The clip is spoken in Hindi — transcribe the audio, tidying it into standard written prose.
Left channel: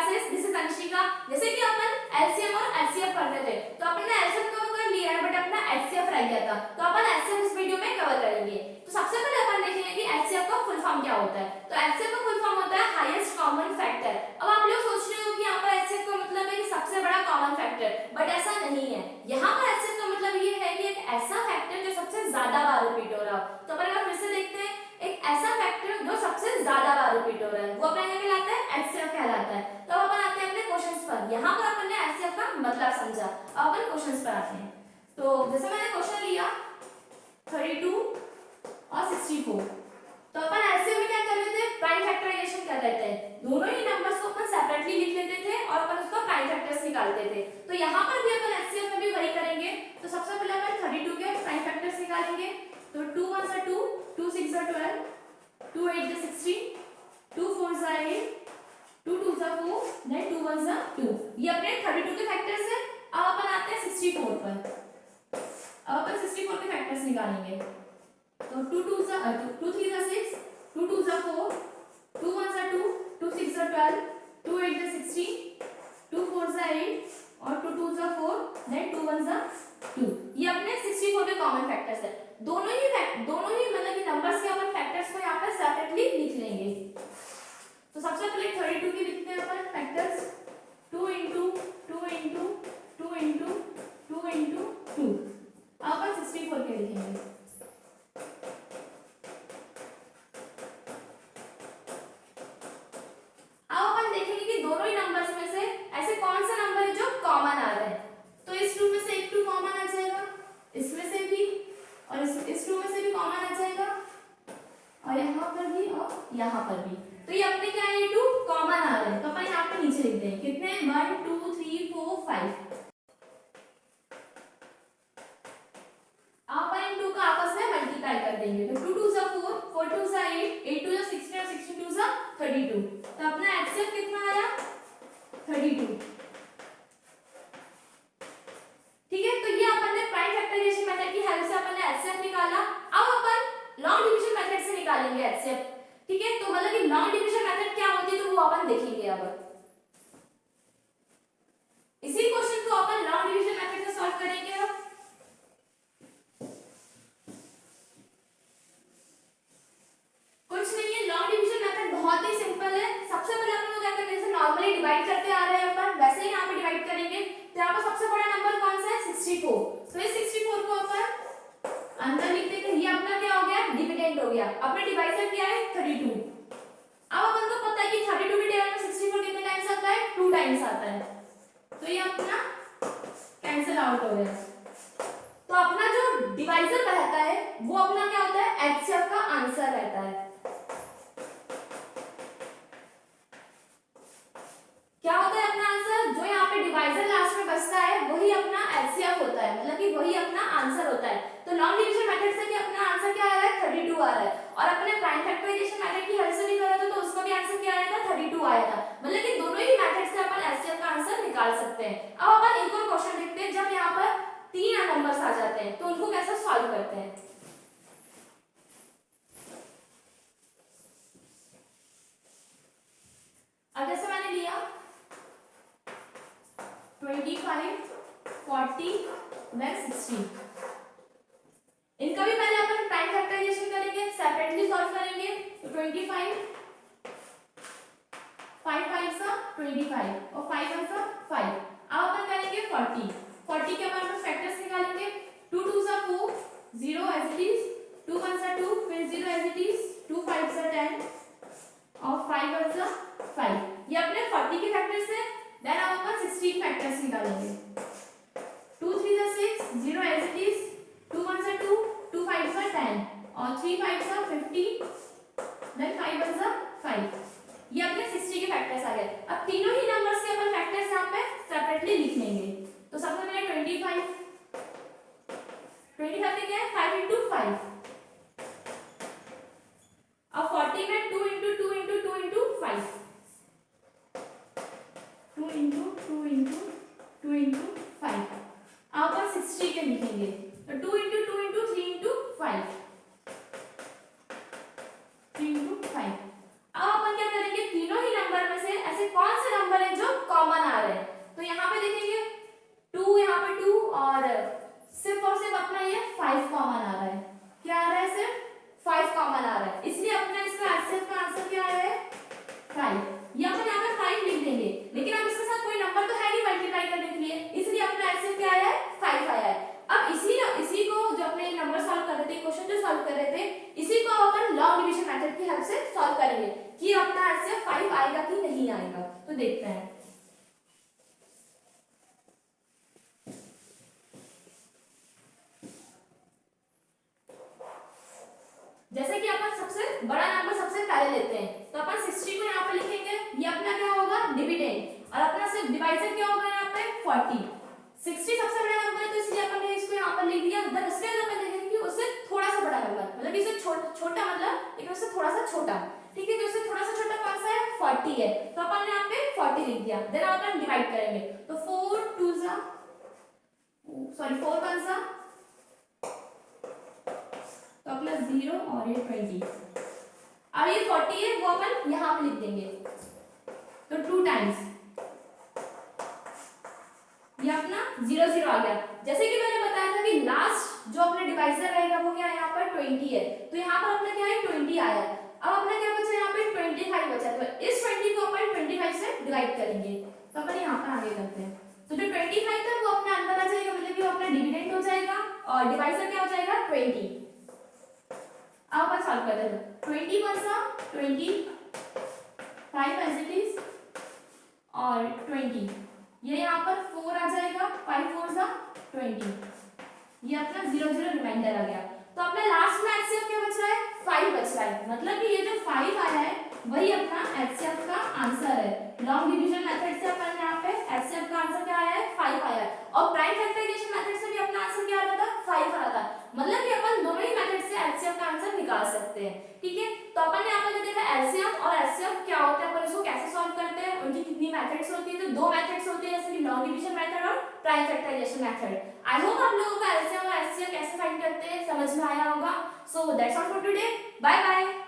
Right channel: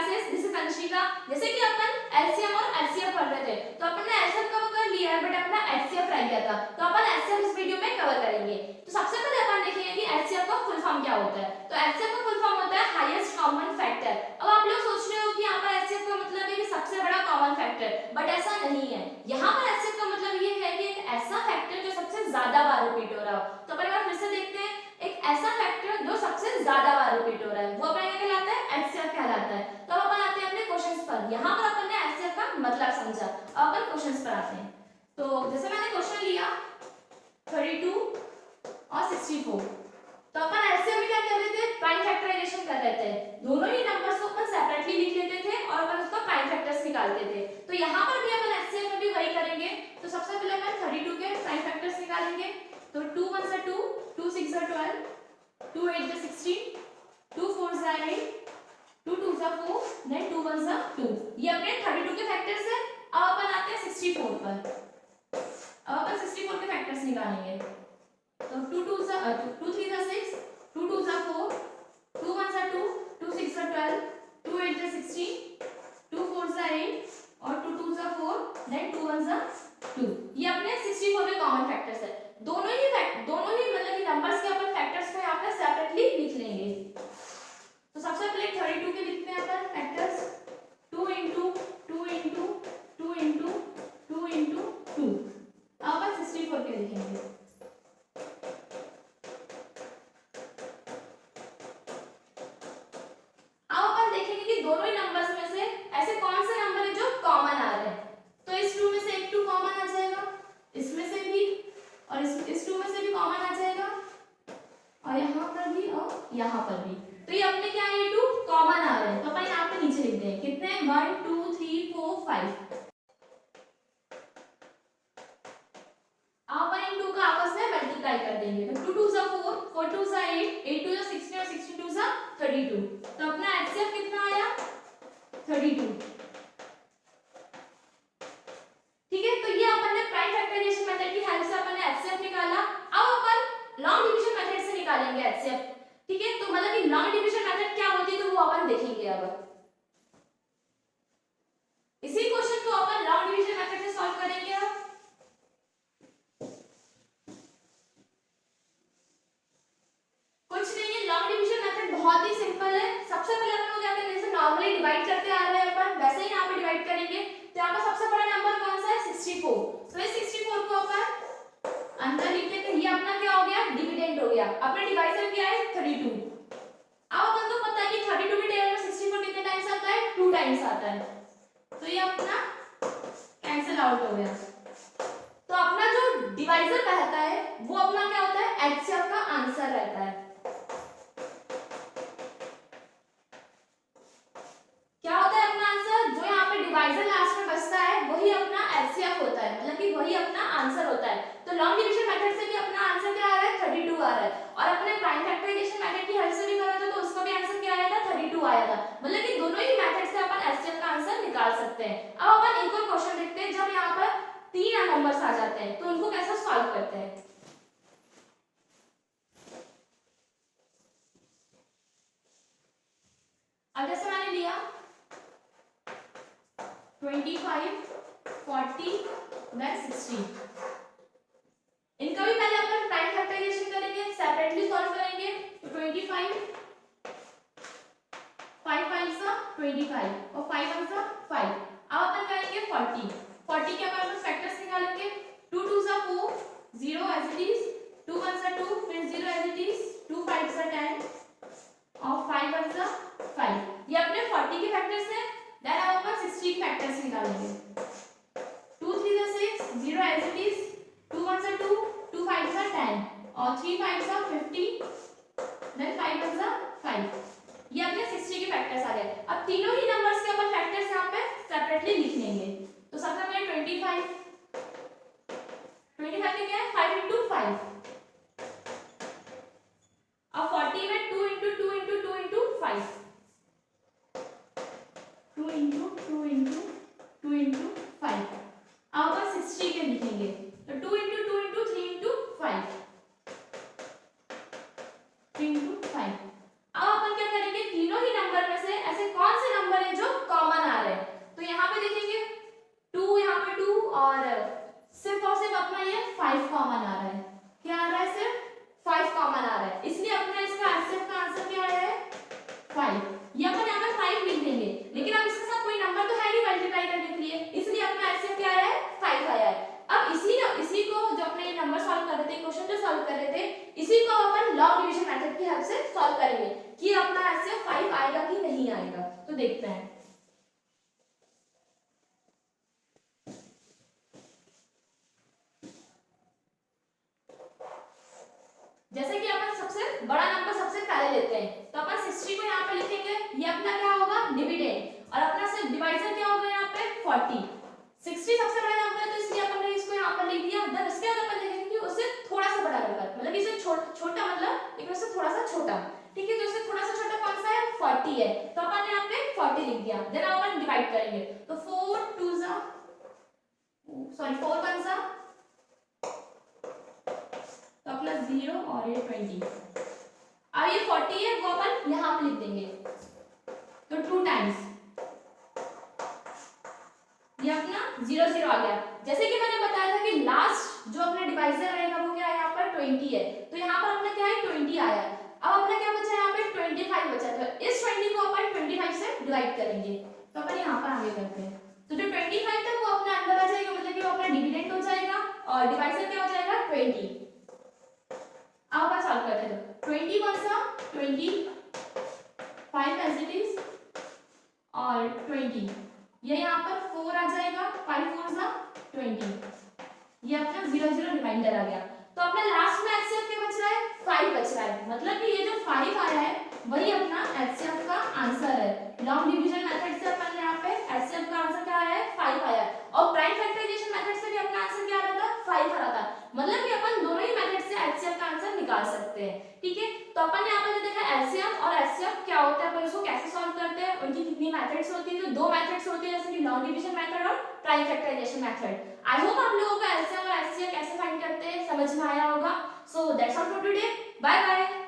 classes. This is Anshika. जैसे कि अपन LCM और HCF पढ़ रहे थे, तो अपन ने LCM कवर कर लिया है, बट अपना HCF रह गया था, तो अपन HCF इस वीडियो में कवर करेंगे। तो सबसे पहले अपन देखेंगे कि HCF का फुल फॉर्म क्या होता है। तो HCF का फुल फॉर्म होता है हाईएस्ट कॉमन फैक्टर। अब आप लोग सोच रहे हो कि यहाँ पर HCF का मतलब है कि सबसे बड़ा कॉमन फैक्टर, बट ऐसा नहीं है। यहाँ पर HCF का मतलब ये है कि एक ऐसा फैक्टर जो सबसे ज्यादा बार रिपीट हो रहा हो। तो अपन अगर फिर से देखते हैं, एक ऐसा फैक्टर जो सबसे ज्यादा बार रिपीट हो रहा है, वो अपना क्या कहलाता है? HCF कहलाता है। तो अब अपन आते हैं अपने क्वेश्चंस पर। यहाँ पर अपन ने HCF का मतलब समझा, अब अपन क्वेश्चंस पर आते हैं। तो जैसे मैंने क्वेश्चन लिया 32 और 64, तो अपन HCF में क्या कर रहे थे? प्राइम फैक्टराइजेशन कर रहे थे। दोनों ही नंबर्स को अपन सेपरेटली लिख लेते थे और अपन उसका प्राइम फैक्टर्स निकालते थे। तो यहाँ पर भी अपन HCF में भी वही करेंगे। तो सबसे पहले अपन 32 के प्राइम फैक्टर्स निकालेंगे। तो 2 1 2, 2 6 12, 2 8 16, 2 4 8, 2 2 4, then 2 1 2। ये अपने 32 के फैक्टर्स है। अब अपन आते हैं 64 पर। अब अपन 64 के फैक्टर्स निकालेंगे। तो 2 2 2 3 6, 2 2 4, 2 1 2, 2 6 12, 2 8 16, 2 4 8 और 2 2 4, then 2 1 2। ये अपने 64 के कॉमन फैक्टर्स है। दोनों ही मतलब कि नंबर्स के अपन फैक्टर्स को यहाँ पर सेपरेटली लिख लेंगे। तो सबसे पहले 32 के लिखते हैं अपन factors. 2 into 2 into 2 into 2 into 2। अब अपन 64 के लिखेंगे। अब अपन देखेंगे कि दोनों ही नंबर्स में से ऐसे कौन से नंबर है जो कॉमन आ रहे हैं। तो इस 2 में से एक 2 कॉमन आ जाएगा, इसमें से भी, और इस 2 में से भी कॉमन आ जाएगा, और यहाँ पर भी और यहाँ पर भी। तो ये अपने क्या है? ये 2 कॉमन आ रहे हैं। तो अपन यहाँ पे नीचे लिख दें कितने? 1 2 3 4 5। अब अपन इन 2 का आपस में मल्टीप्लाई कर देंगे। तो 2 2 4, 4 2 8, 8 2 16 और 16 2 32। तो अपना HCF कितना आया? 32। ठीक है, तो ये अपन ने प्राइम फैक्टराइजेशन मेथड की हेल्प से अपन ने HCF निकाला। अब अपन लॉन्ग डिवीजन मेथड से निकालेंगे HCF। ठीक है, तो मतलब कि लॉन्ग डिवीजन मेथड क्या होती है तो वो अपन देखेंगे। अब इसी क्वेश्चन को अपन लॉन्ग डिवीजन मेथड से सॉल्व करेंगे। अब कुछ नहीं है, लॉन्ग डिवीजन मेथड बहुत ही सिंपल है। सबसे पहले अपन को क्या करना है? जैसे नॉर्मली डिवाइड करते आ रहे हैं अपन, वैसे ही यहाँ पे डिवाइड करेंगे। तो यहाँ पर सबसे बड़ा नंबर कौन सा है? 64। तो इस 64 को अपन अंदर लिख देते हैं। ये अपना क्या हो गया? डिविडेंड हो गया। अपना डिवाइजर क्या है? 32। अब अपन को पता है कि 32 के टेबल में 64 कितने टाइम्स आता है? 2 टाइम्स आता है। तो ये अपना कैंसिल आउट हो गया। तो अपना जो डिवाइजर रहता है वो अपना क्या होता है? HCF का आंसर रहता है। क्या होता है अपना आंसर? जो यहाँ पे डिवाइजर लास्ट में बचता है वही अपना HCF होता है, मतलब कि वही अपना आंसर होता है। तो लॉन्ग डिवीजन मेथड से भी अपना आंसर क्या आ रहा है? 32 आ रहा है। और अपने प्राइम फैक्टराइजेशन मेथड की हेल्प से भी करा था तो उसका भी आंसर क्या आया था? 32 आया था। मतलब कि दोनों ही मेथड से अपन HCF का आंसर निकाल सकते हैं। अब अपन एक और क्वेश्चन देखते हैं। जब यहाँ पर 3 नंबर्स आ जाते हैं तो उनको कैसे सॉल्व करते हैं। अब जैसे मैंने लिया 25 40 then 60। इनका भी पहले अपन प्राइम फैक्टराइजेशन करेंगे, सेपरेटली सॉल्व करेंगे। तो 25 5 5 25 और 5 1 5। अब अपन करेंगे 40। 40 के अपन फैक्टर्स निकालेंगे। 2 2 4, 0 एज इट इज, 2 1 2, फिर 0 एज इट इज, 2 5 10 और 5 1 5। ये अपने 40 के फैक्टर्स हैं। देन अब अपन 60 के फैक्टर्स निकालेंगे। 2 3 6, 0 एज इट इज, 2 1 2, 2 5 10 और 3 5 50, देन 5 1 5। ये अपने 60 के फैक्टर्स आ गए। अब तीनों ही नंबर्स के अपन फैक्टर्स यहाँ पे सेपरेटली लिख लेंगे। तो सबसे पहले 25 में क्या है? 5 into 5। अब 40 में 2 into 2 into 2 into 5, 2 into 2 into 2 into 5। अब अपन 60 के लिखेंगे। तो 2 into 2 into 3 into 5, 3 into 5। अब अपन क्या करेंगे? तीनों ही नंबर में से ऐसे कौन से नंबर है देखते हैं। जैसे कि अपन सबसे बड़ा नंबर सबसे पहले लेते हैं, तो अपन 60 को यहाँ पे लिखेंगे, ये अपना क्या होगा डिविडेंड, और अपना सिर्फ डिवाइजर क्या होगा यहाँ पे 40। 60 सबसे बड़ा नंबर है तो इसलिए अपन ने इसको यहाँ पर लिख दिया। देन उसके बाद अपन देखेंगे कि उससे थोड़ा सा बड़ा नंबर, मतलब इससे छोटा मतलब लेकिन उससे थोड़ा सा छोटा, ठीक है। तो उससे थोड़ा सा छोटा कौन सा है 40 है, तो अपन ने यहाँ पे 40 लिख दिया। देन अपन डिवाइड करेंगे, तो 4 2 जा सॉरी 4 1 जा तो प्लस 0 और ये 20। अब ये 40 है वो अपन यहाँ पे लिख देंगे, तो 2 टाइम्स ये अपना 0 0 आ गया। जैसे कि मैंने बताया था कि लास्ट जो अपने डिवाइजर रहेगा वो क्या है यहाँ पर 20 है, तो यहाँ पर अपना क्या है 20 आया। अब अपना क्या बचा यहाँ पे 25 बचा, तो इस 20 को अपन 25 से डिवाइड करेंगे, तो अपन यहाँ पर आगे करते हैं। तो जो 25 था वो अपना अंदर आ जाएगा, मतलब कि वो अपना डिविडेंड हो जाएगा और डिवाइजर क्या हो जाएगा 20। अब अपन सॉल्व करते हैं, 20 1 सा 25 एज इट इज और 20, ये यहाँ पर 4 आ जाएगा, 5 4 सा 20, ये अपना 0 0 रिमाइंडर आ गया। तो अपना लास्ट में एचसीएफ क्या बच रहा है 5 बच रहा है, मतलब कि ये जो 5 आया है वही अपना एचसीएफ का आंसर है। लॉन्ग डिवीजन मेथड से अपन यहाँ पे एचसीएफ का आंसर क्या आया है 5 आया है, और प्राइम फैक्टराइजेशन मेथड से भी अपना आंसर क्या आ रहा था 5 आ रहा था, मतलब कि अपन दोनों ही मेथड से एचसीएफ का आंसर निकाल सकते हैं, ठीक है। तो अपन ने यहाँ पे देखा एलसीएम और एचसीएफ क्या होता है, अपन उसको कैसे सॉल्व करते हैं, उनकी कितनी मेथड्स होती है, तो 2 मेथड्स होती है, जैसे कि लॉन्ग डिवीजन मेथड और prime factorisation method. I hope आप लोगों को एलसीएम और एचसीएफ कैसे फाइंड करते हैं समझ में आया होगा। So that's all for today, bye bye.